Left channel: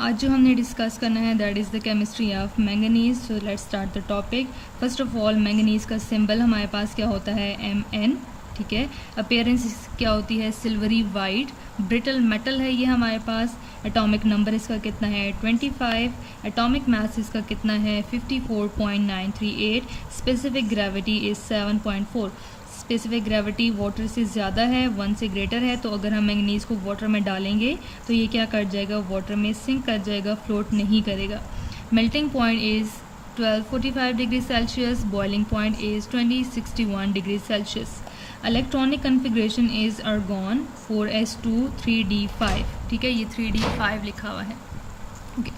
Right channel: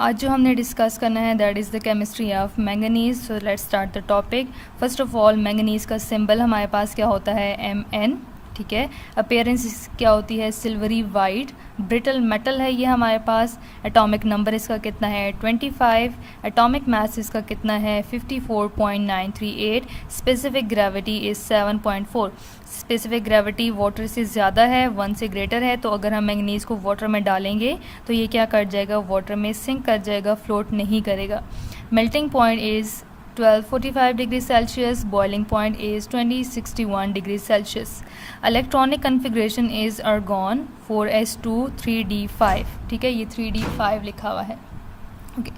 आज जो हमने डिस्कस करना है that is the chemistry of manganese. So let's start the topic. First of all manganese का सिंबल हमारे पास क्या होता है, Mn। ठीक है, अपीयरेंस क्या होती है, सिल्वरी वाइट। ब्रिटल मेटल है ये हमारे पास। एटॉमिक नंबर इसका कितना है, 25। एटॉमिक मास इसका कितना है, 54.938। Specific gravity is 7.4। Specific gravity water से ज़्यादा है, 1 से ग्रेटर है, तो अगर हम मैंगनीज को वाटर में डालेंगे तो ये क्या कर जाएगा, वाटर में सिंक कर जाएगा, फ्लोट नहीं करेगा। Melting point is 1245 degree Celsius. Boiling point is 2061 degree Celsius. Electronic configuration is argon 4s2 3d5। ठीक है, ये 3d5 लिखा हुआ है। ओके,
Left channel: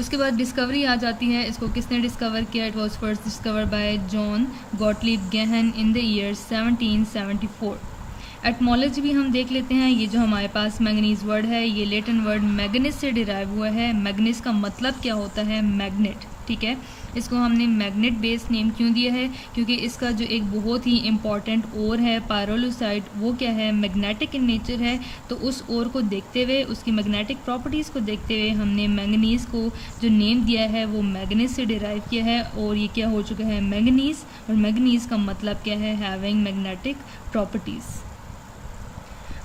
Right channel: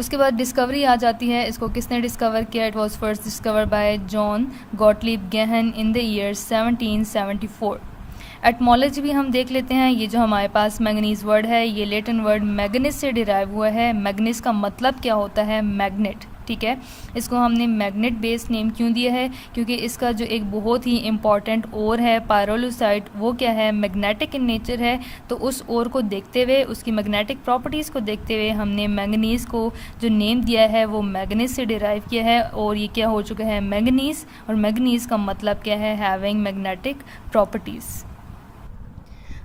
उसके बाद डिस्कवरी आ जाती है। इसको किसने डिस्कवर किया, it was first discover by John Gottlieb Gahn in the year 1774। Etymology भी हम देख लेते हैं। ये जो हमारे पास मैंगनीज वर्ड है, ये लेटिन वर्ड मैग्नीज से डिराइव हुआ है। मैग्नीज का मतलब क्या होता है, मैग्नेट। ठीक है, इसको हमने मैग्नेट बेस्ड नेम क्यों दिया है, क्योंकि इसका जो एक बहुत ही इम्पॉर्टेंट ओर है पायरोलुसाइट, वो क्या है, मैग्नेटिक इन नेचर है। तो उस ओर को देखते हुए, उसकी मैग्नेटिक प्रॉपर्टीज़ को देखते हुए हमने मैंगनीज को जो नेम दिया है वो मैग्नीज से डिराइव किया है, और ये क्या हो चुका है, मैंगनीज। और मैंगनीज का मतलब क्या है, हैविंग मैग्नेटिक प्रॉपर्टीज़।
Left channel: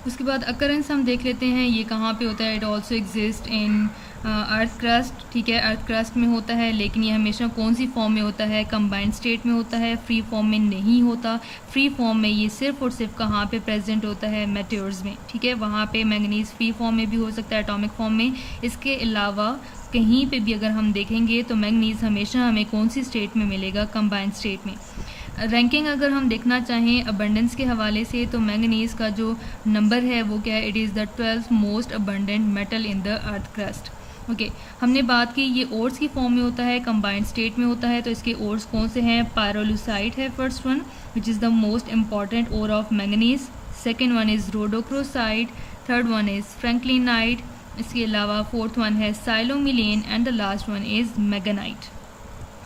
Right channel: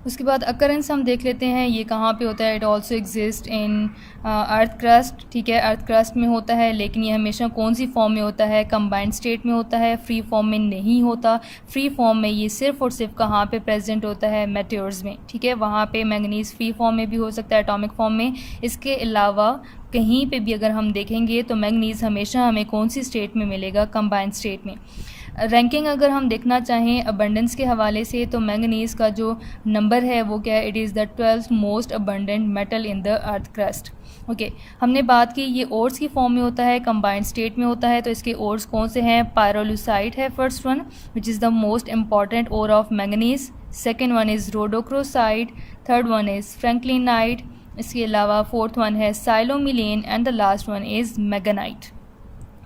उसके बाद अकरेंस हम देख लेते हैं, ये कहाँ पे होता है, it also exist in earth crust. ठीक है, अर्थ क्रस्ट में होता है, लेकिन ये हमेशा कौन सी फॉर्म में होता है, कंबाइंड स्टेट में होता है, फ्री फॉर्म में नहीं होता। फ्री फॉर्म में ये सिर्फ और सिर्फ कहाँ पे प्रेजेंट होता है, मेटेओर्स में। ठीक है, वहाँ पे मैंगनीज फ्री फॉर्म में भी हो सकता है, एटॉमिक फॉर्म में। इसके अलावा कहीं पे भी अगर हम देखेंगे तो मैंगनीज हमेशा हमें कौन सी स्टेट में मिलेगा, कंबाइंड स्टेट में। रैंकिंग अगर हम देखना चाहें अबंडेंस के हवाले से, तो मैंगनीज का जो नंबर है वो क्या है, it is the 12th most abundant metal in the earth crust. Okay, हमने बात की ये ओर्स की फॉर्म में होता है, कंबाइंड स्टेट में होता है। तो इसके ओर्स कौन से हैं, पायरोलुसाइट है first one, which is the most important ore of manganese. Second one is rhodochrosite. Third one is franklinite. इसके अलावा फोर्थ वन है psilomelane and the last one is magnetite.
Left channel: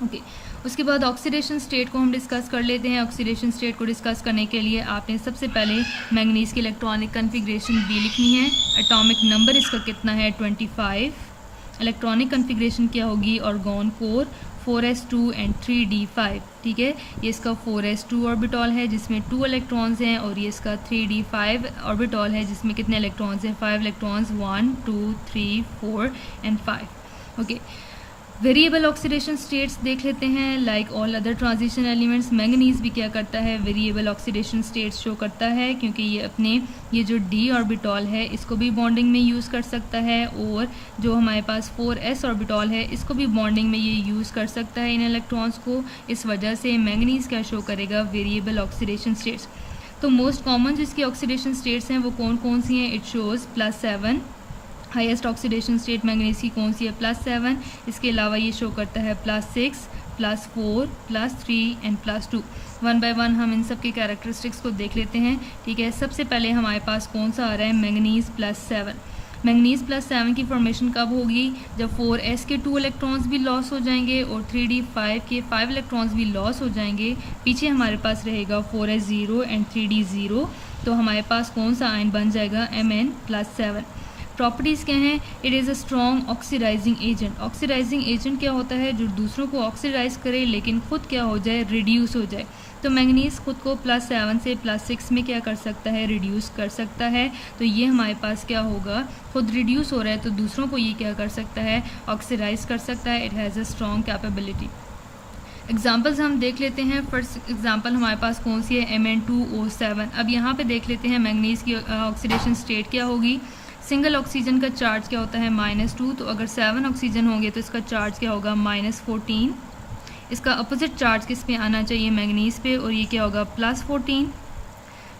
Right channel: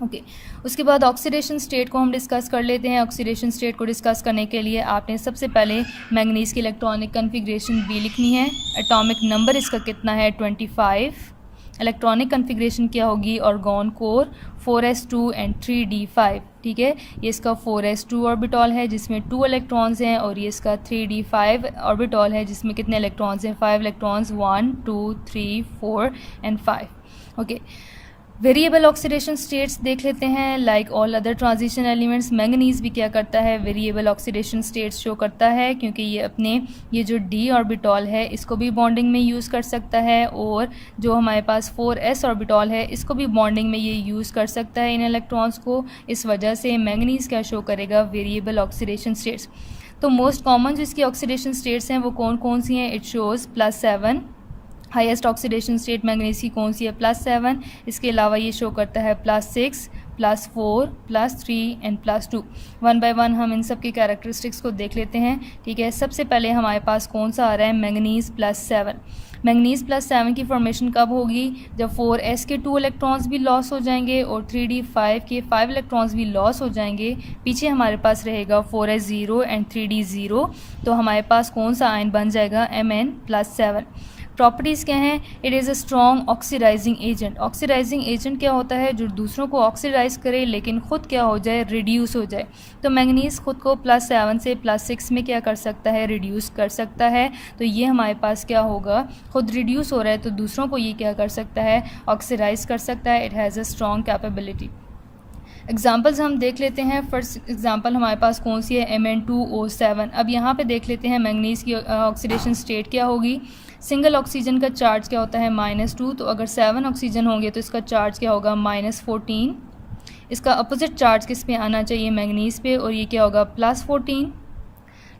Okay, उसके बाद ऑक्सीडेशन स्टेट को हम discuss कर लेते हैं। ऑक्सीडेशन स्टेट को डिस्कस करने के लिए आपने सबसे पहले मैंगनीज की इलेक्ट्रॉनिक कन्फिग्रेशन बी लिखनी है। एटॉमिक नंबर इसका कितना है, 25। इलेक्ट्रॉनिक कन्फिग्रेशन क्या होगी, argon core 4s2 and 3d5। ठीक है, ये इसका 4s2 ऑर्बिटॉल है जिसमें 2 इलेक्ट्रॉन्स हैं, और ये इसका 3d5 ऑर्बिटॉल है जिसमें कितने इलेक्ट्रॉन्स हैं, 5 electrons, 1 2 3 4 and 5। Okay, variable oxidation states देख लेते हैं। Like all other transition elements, manganese भी क्या करता है, वेरिएबल ऑक्सीडेशन स्टेट्स शो करता है, क्योंकि ये अपने ये जो डी ऑर्बिटॉल है इसको भी बॉन्डिंग में यूज़ कर सकता है, और जो हमारे पास 4s ऑर्बिटॉल है इसको भी बॉन्डिंग में ये यूज़ कर सकता है इन इलेक्ट्रॉन्स को। इस वजह से मैंगनीज क्या शो करेगा, वेरिएबल ऑक्सीडेशन स्टेट्स। तो मोस्ट कॉमन जिसकी ऑक्सीडेशन स्टेट्स हैं वो कौन कौन सी हैं, it shows +7। Highest oxidation state manganese की कौन सी है, +7। इसके अलावा ये शो करता है +6, +4, +3 एंड +2। वन बाय वन हम इन सब की कैरेक्टरिस्टिक्स को देख लेते हैं। ठीक है, सबसे पहले हमारे पास कौन सा आ रहा है, मैंगनीज +7। मैंगनीज +7 की फॉर्मेशन कब होगी, जब 4s के 2 इलेक्ट्रॉन्स भी लॉस हो जाएंगे और 3d5 के 5 इलेक्ट्रॉन्स भी लॉस हो जाएंगे। पीछे हमारे पास रहेगा 4s0 एंड 3d0, तो हमारे पास कौन सा आयन बन जाएगा, Mn+7। प्रॉपर्टीज़ क्या हैं, it is a strong oxidising agent. Oxidising agent क्या होता है, जो दूसरों को ऑक्सीडाइज करे लेकिन ख़ुद क्या हो जाए, रिड्यूस हो जाए। तो मैंगनीज खुद को +7 से +6 में क्या कर सकता है, रिड्यूस कर सकता है। तो ये हमारे पास क्या होगा, खुद रिड्यूस हो रहा है तो दूसरों को ये क्या कर सकता है, ऑक्सीडाइज कर सकता है। It has a strong capability. Examples हम देख लेते हैं। फर्स्ट एग्जाम्पल हमारे पास कौन सी है, Mn2O7। अब यहाँ पे देख लेते हैं मैंगनीज की ऑक्सीडेशन स्टेट क्या होगी। सिंगल ऑक्सीजन का चार्ज क्या होता है, -2। तो अगर 7 ऑक्सीजन होंगे तो इसका चार्ज क्या होगा, -14। इसका अपोजिट चार्ज किस पे आना चाहिए, मैंगनीज पे, और ये क्या होगा, +14।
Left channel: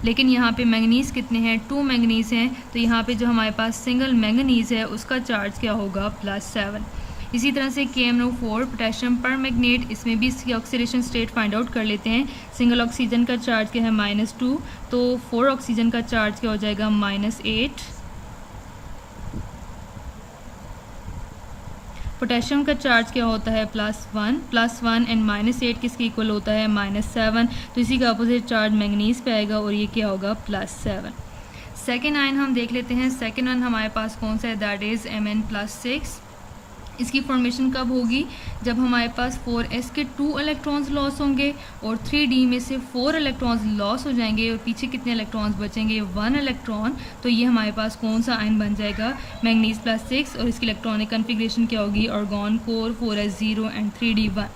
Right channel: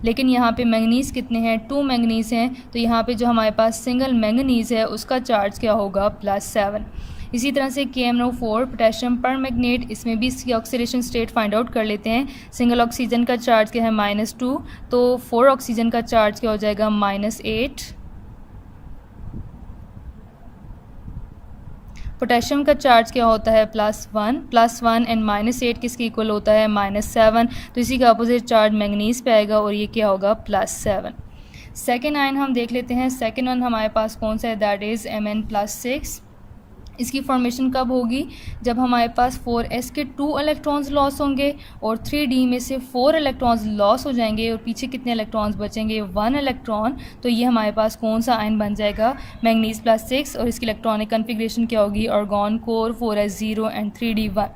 लेकिन यहाँ पे मैंगनीज कितने हैं, 2 मैंगनीज हैं, तो यहाँ पे जो हमारे पास सिंगल मैंगनीज है उसका चार्ज क्या होगा, +7। इसी तरह से KMnO4 पोटेशियम परमैंगनेट, इसमें भी इसकी ऑक्सीडेशन स्टेट फाइंड आउट कर लेते हैं। सिंगल ऑक्सीजन का चार्ज क्या है, -2, तो 4 ऑक्सीजन का चार्ज क्या हो जाएगा, -8। पोटेशियम का चार्ज क्या होता है, +1 एंड -8 किसके इक्वल होता है, -7। तो इसी का अपोजिट चार्ज मैंगनीज पे आएगा और ये क्या होगा, +7। सेकेंड आयन हम देख लेते हैं। सेकेंड आयन हमारे पास कौन सा है, दैट इज़ Mn+6। इसकी फॉर्मेशन कब होगी, जब हमारे पास 4s के 2 इलेक्ट्रॉन्स लॉस होंगे और 3d में से 4 इलेक्ट्रॉन्स लॉस हो जाएंगे और पीछे कितने इलेक्ट्रॉन्स बचेंगे, 1 इलेक्ट्रॉन। तो ये हमारे पास कौन सा आयन बन जाएगा, मैंगनीज +6, और इसकी इलेक्ट्रॉनिक कन्फिग्रेशन क्या होगी, argon core 4s0 and 3d1।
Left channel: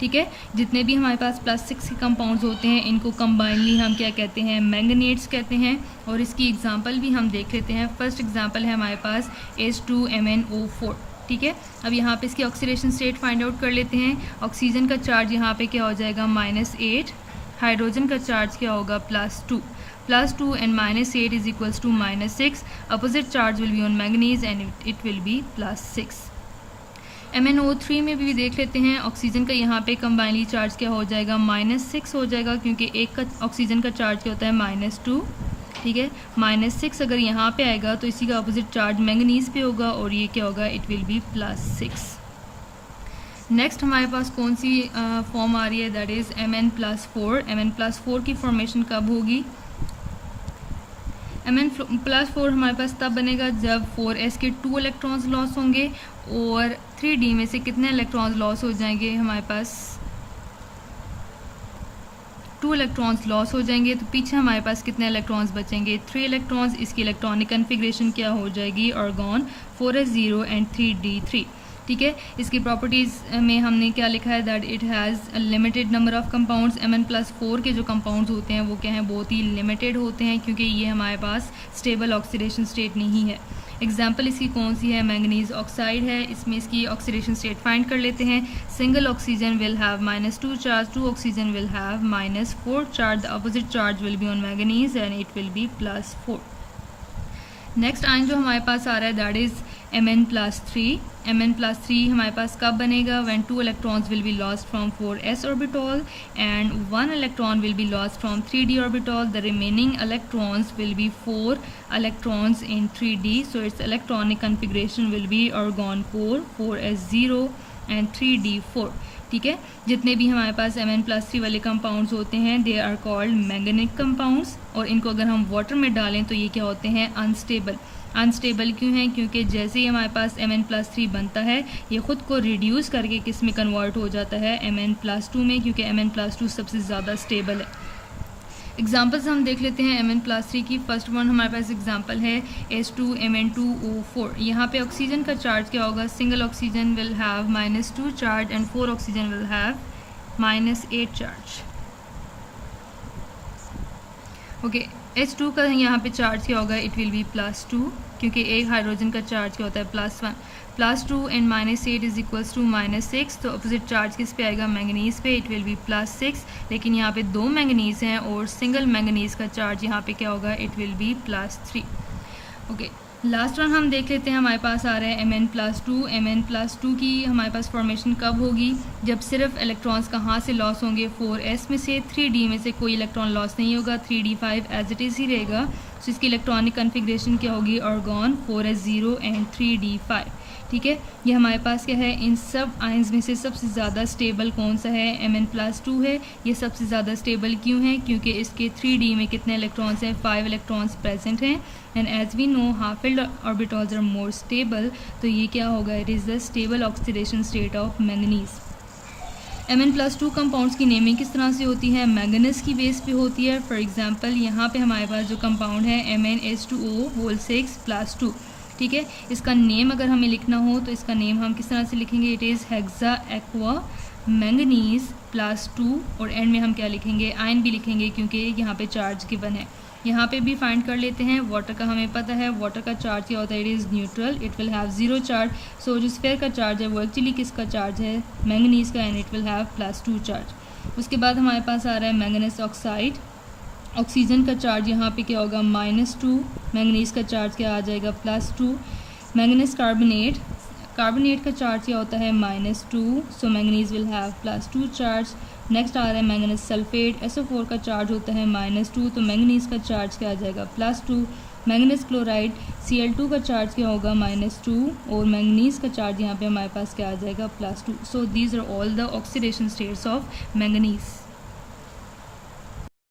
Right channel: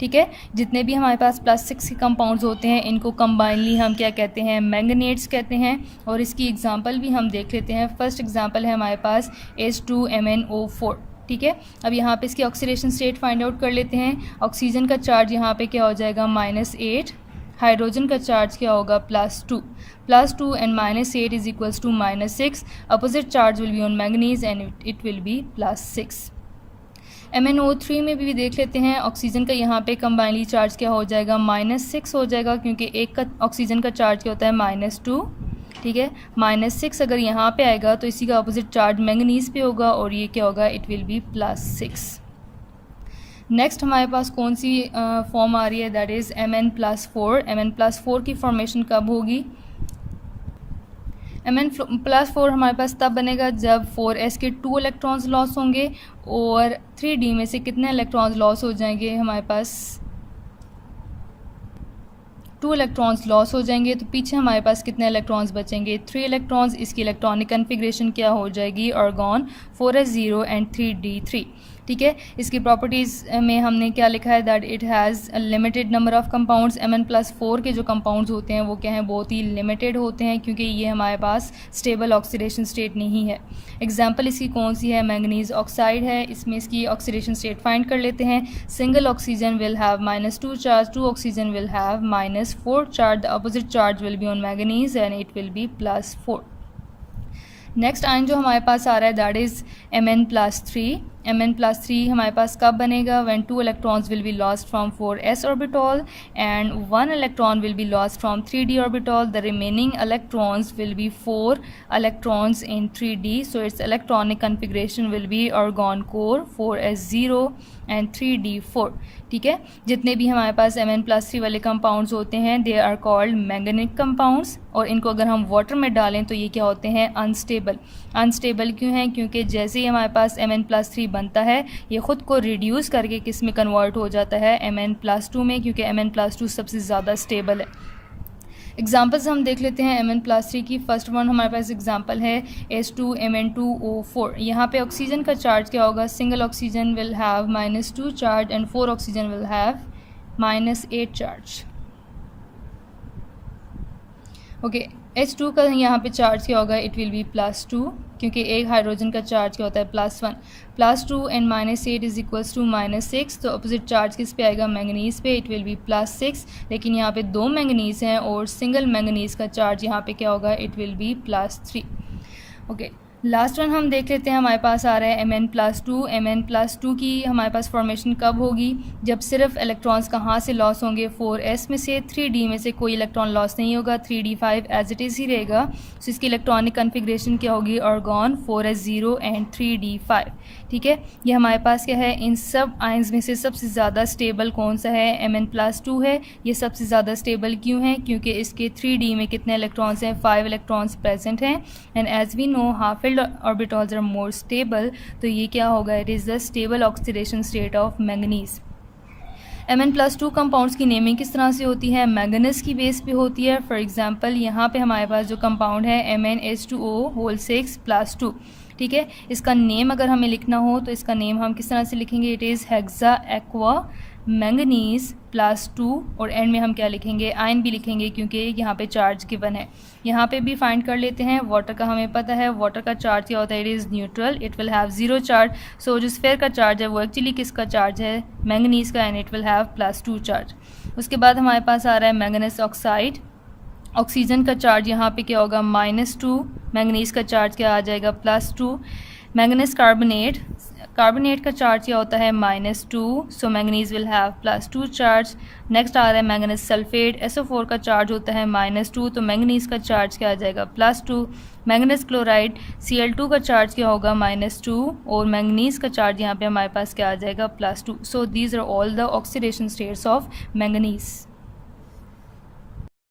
ठीक है, जितने भी हमारे पास +6 के कंपाउंड्स होते हैं इनको कंबाइनली हम क्या कहते हैं, मैंगनेट्स कहते हैं। और इसकी एग्जांपल भी हम देख लेते हैं। फर्स्ट एग्जांपल है हमारे पास H2MnO4। ठीक है, अब यहाँ पे इसकी ऑक्सीडेशन स्टेट फाइंड आउट कर लेते हैं। ऑक्सीजन का चार्ज यहाँ पे क्या हो जाएगा, -8, हाइड्रोजन का चार्ज क्या होगा, +2 and -8 is equals to -6। Opposite charge will be on manganese and it will be +6। MnO3 में भी देख लेते हैं। ऑक्सीजन का यहाँ पे कंबाइनली चार्ज क्या हो जाएगा, -6 हो जाएगा, क्योंकि एक का ऑक्सीजन का चार्ज क्या होता है, -2। ठीक है, -6 अगर यहाँ पे आएगा तो इसी का अपोजिट चार्ज मैंगनीज पे होगा और ये क्या होगा, इट विल बी +6। नेक्स्ट हमारे पास कौन सी फॉर्म आ रही है, दैट इज़ Mn+4। Mn+4 की फॉर्मेशन कब होगी, Mn+4 हमारे पास तब बनेगा जब 4s के 2 इलेक्ट्रॉन्स लॉस होंगे और 3d में से कितने इलेक्ट्रॉन्स लॉस हो जाएंगे, हमारे पास 2 इलेक्ट्रॉन्स लॉस हो जाएंगे। तो पीछे हमारे पास कितने इलेक्ट्रॉन्स बचेंगे, 3 इलेक्ट्रॉन्स। इसकी इलेक्ट्रॉनिक कन्फिग्रेशन क्या हो जाएगी, आर्गॉन 4s0 एंड 3d3। ठीक है, इसकी प्रॉपर्टीज़ में हमने क्या लिखा है, that it has a limited number of compounds. Mn+4 के जो कंपाउंड्स होते हैं वो क्या हैं, बहुत ही लिमिटेड होते हैं, क्योंकि ये हमारे पास स्टेबल ऑक्सीडेशन स्टेट नहीं है। एग्जाम्पल इसकी कौन सी है, मैंगनीज ऑक्साइड है। इसमें इसकी ऑक्सीडेशन स्टेट फाइंड कर लेते हैं। Single oxygen will have -2 charge, 2 oxygen will have -4 charge. The opposite charge will be on manganese and it will B +4। Next ion जो हमारे पास आ रहा है दैट इज़ Mn+3। Mn+3 हमारे पास कब बनेगा, when 2 electrons will be lost from 4s orbital and 1 electron will be lost from 3d orbital. The remaining electrons will be 4 electrons in 3d, so its electronic configuration will be argon core 4s0 and 3d4। ठीक है, जितने भी हमारे पास Mn+3 वाले compounds होते हैं they are called मैंगनिक compounds, और इनको अगर हम वाटर में डालें तो ये क्या होते हैं, अनस्टेबल। अनस्टेबल क्यों है, क्योंकि जैसे ही हमारे पास Mn+3 बनता है ये ख़ुद को रिड्यूस करके किस में कन्वर्ट हो जाता है, Mn+2 में, क्योंकि Mn+2 सबसे ज़्यादा स्टेबल है। एग्जाम्पल्स हम देख लेते हैं Mn+3 की। फर्स्ट वन हमारे पास एग्जाम्पल है H2Mn2O4। यहाँ पे ऑक्सीजन का चार्ज क्या होगा, single oxygen will have -2 charge and 4 oxygen will have -8 charge. Okay, H2 का यहाँ पे चार्ज क्या होगा, इट विल बी +2, क्योंकि एक हाइड्रोजन का चार्ज क्या होता है, +1। +2 एंड -8 इज इक्वल्स टू -6। तो अपोजिट चार्ज किस पे आएगा, मैंगनीज पे, इट विल बी +6। लेकिन यहाँ पे 2 मैंगनीज हैं और सिंगल मैंगनीज का चार्ज यहाँ पे क्या होगा, it will B +3। Okay, last one हम देख लेते हैं। हमारे पास आ रहा है Mn+2। Mn+2 की हमारे पास फॉर्मेशन कब होगी, जब सिर्फ इलेक्ट्रॉन्स कहाँ से लॉस होंगे, 4s में से। 3d में से कोई इलेक्ट्रॉन लॉस नहीं होगा, 3d5 एज इट इज़ ही रहेगा। सो इसकी इलेक्ट्रॉनिक कन्फिग्रेशन क्या होगी, आर्गॉन 4s0 एंड 3d5। ठीक है, ये हमारे पास क्या है, इन सब आयंस में से सबसे ज़्यादा स्टेबल कौन सा है, Mn+2 है। ये सबसे ज़्यादा स्टेबल क्यों है, क्योंकि इसके 3d में कितने इलेक्ट्रॉन्स हैं, 5 इलेक्ट्रॉन्स प्रेजेंट हैं। And as we know half filled orbitals are more stable, तो ये क्या होगा, it is the stable oxidation state of manganese. Mn+2 compounds की नेमिंग किस तरह से होती है, मैंगनीज की बेस पे होती है। फॉर एग्जांपल यहाँ पे हमारे पास जो कंपाउंड है MnH2O6+2। ठीक है, इसका नेम अगर हमें लिखना हो तो इसका नेम हम किस तरह से लिखेंगे, it is hexa aqua manganese +2, और एंड में हम क्या लिखेंगे, आयन भी लिखेंगे, क्योंकि यहाँ पे चार्ज गिवन है। यहाँ पे भी फाइंड कर लेते हैं। वाटर का हमें पता है, वाटर का चार्ज क्या होता है, it is neutral, it will have 0 charge. So जो स्फेयर का चार्ज है वो एक्चुअली किसका चार्ज है, मैंगनीज का, and it will have +2 charge. उसके बाद हमारे पास आ रहा है मैंगनीज ऑक्साइड। ऑक्सीजन का चार्ज यहाँ पे क्या होगा, -2, मैंगनीज का चार्ज क्या आ जाएगा, +2। मैंगनीज कार्बोनेट, कार्बोनेट का चार्ज क्या होता है, -2, so manganese will have +2 charge. Next आ रहा है मैंगनीज सल्फेट, SO4 का चार्ज होता है -2, तो मैंगनीज का चार्ज क्या आ जाएगा, +2। मैंगनीज क्लोराइड Cl2 का चार्ज क्या होगा, -2, और मैंगनीज का चार्ज यहाँ पे हमारे पास क्या आ जाएगा, +2। So these are all the oxidation states of manganese.